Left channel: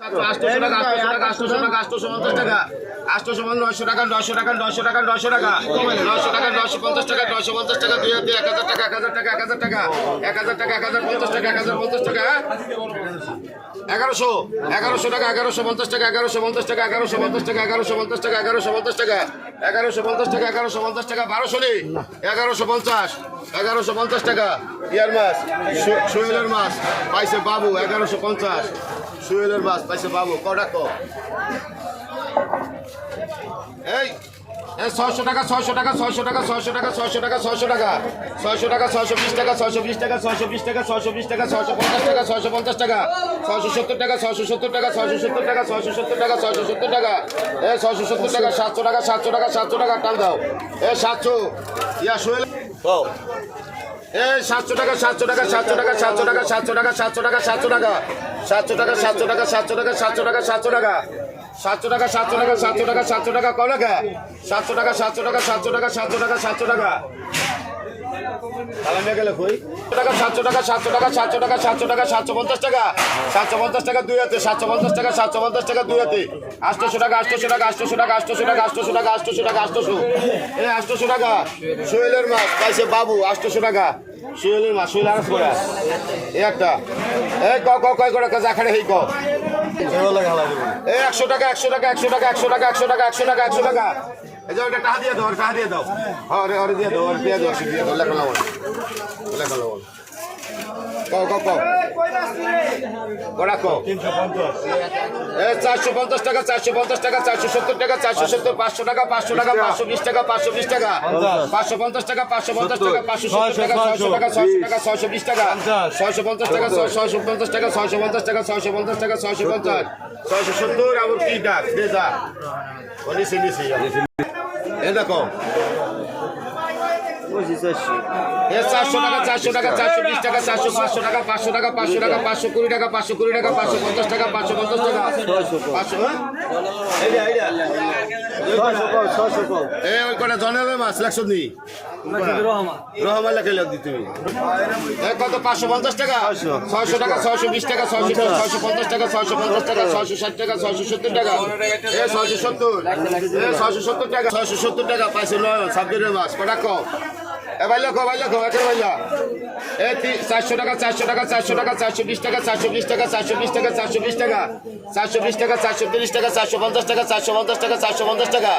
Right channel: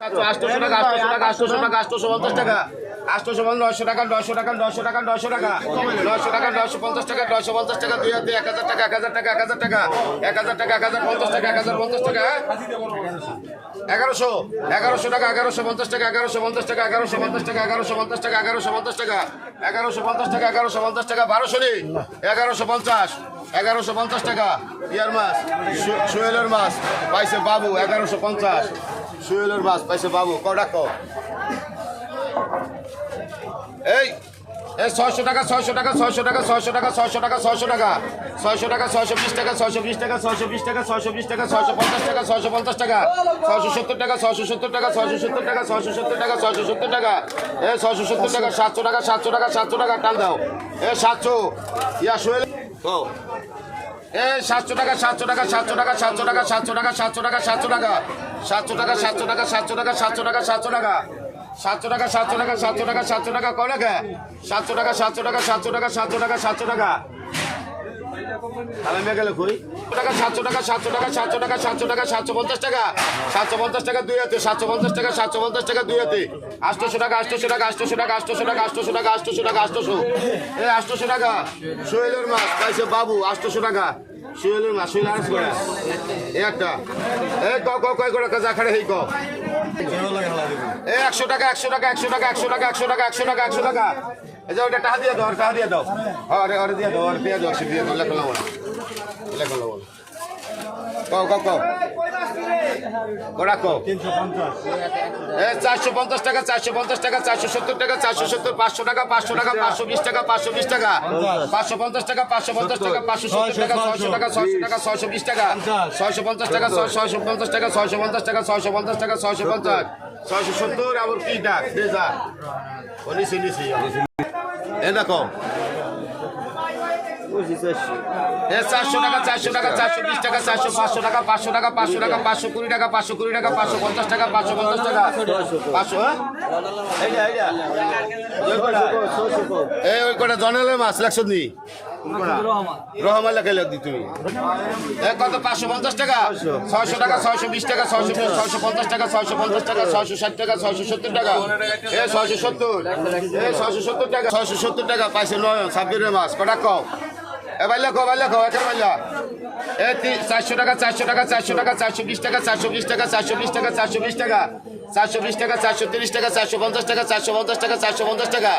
800 টাকা 800 টাকা 850 টাকা 900 টাকা 900 টাকা 900 টাকা 900 টাকা 900 টাকা 950 টাকা 950 টাকা 1000 টাকা 1000 টাকা 1000 টাকা 1000 টাকা 1050 টাকা 1050 টাকা 1100 1100 টাকা 1150 টাকা 1150 টাকা 1150 টাকা 1150 টাকা 1150 টাকা 1150 টাকা 1150 টাকা 1200 নি 1150 1150 টাকা ইয়ার মাছ সোহেলের মাছ পাইছে বাবু 1150 সোহেলের মাছ পাইছে বাবু কটা কো এই 600 টাকা 600 টাকা 600 টাকা 600 টাকা 600 টাকা 600 টাকা 600 টাকা 620 টাকা 620 টাকা 620 টাকা 620 টাকা 650 টাকা 650 টাকা 670 টাকা 670 টাকা 670 টাকা 670 টাকা 670 টাকা এই 670 টাকা 700 টাকা 700 টাকা 700 টাকা টাল দাও এই 700 ইয়া সোহেল ও এই 700 টাকা 700 টাকা 700 টাকা 700 টাকা 700 টাকা 700 টাকা 700 টাকা 700 টাকা 700 টাকা 700 টাকা 700 টাকা 700 টাকা 700 টাকা 700 টাকা 700 টাকা 700 টাকা কয় টাকা 700 টাকা 700 টাকা 700 টাকা 700 টাকা 700 টাকা আলামে গেল কই টাকা 700 টাকা 700 টাকা 700 টাকা 700 টাকা 750 টাকা 750 টাকা দুই হাতে 750 টাকা 750 টাকা দুই হাতে 800 টাকা 800 টাকা 800 টাকা 800 টাকা 800 টাকা 800 টাকা 800 এই 800 টাকা সোহেলের মাছ পাইছে বাবু 800 টাকা সোহেলের মাছ সোহেল আরস করে এই একটা এই কয় করে কাজ আখাড়ে হেই কও এই 100 টাকা 100 টাকা 100 টাকা 100 টাকা 100 টাকা 100 টাকা 100 টাকা এই যে ওটা টাকা দিয়ে দাও আরে দিয়ে দাও দিয়ে দাও লেখা লাও কো 350 টাকা 450 টাকা 470 টাকা 470 500 টাকা 500 টাকা 520 টাকা 520 টাকা 550 টাকা 550 টাকা 570 টাকা 600 টাকা 600 টাকা 620 টাকা 650 টাকা 650 টাকা 650 টাকা 650 টাকা 650 670 আবার কি ডাক দে যা নিছি এই দেখো 400 টাকা 400 টাকা 420 টাকা 400 500 টাকা 500 টাকা 500 টাকা 520 টাকা 520 টাকা 550 টাকা 550 টাকা 500 এই কোটা জনেলে মাছ লাগছ নি রহমান লেখা লাগ দি তুমি কত 550 টাকা 600 টাকা 620 টাকা 650 টাকা 650 টাকা 660 টাকা 670 টাকা এই 670 এই 670 টাকা 670 টাকা পাইছে নয় সাবজেক্টের মাছ কটা কও ভাই লেখো এটা বললা এই 400 টাকা 400 টাকা 400 টাকা 420 টাকা 420 টাকা 420 টাকা 420 টাকা 420 টাকা 430 টাকা 450 টাকা 450 টাকা 450 টাকা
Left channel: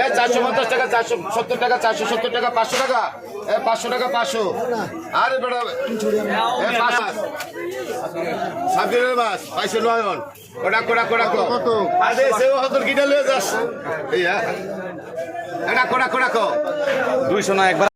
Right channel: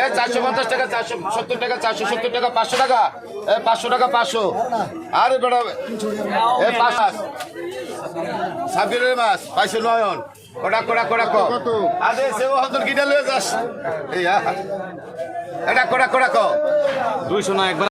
এই 450 টাকা 470 টাকা 470 টাকা 500 টাকা এই 500 টাকা 500 আরে বড় এই 500 সাবিরের মাছ পাইছে নয়ন কোড়া কত আরে সেও হদুর কিটা লয়ে যাস এই এটা কোড়া কো 200 না একবার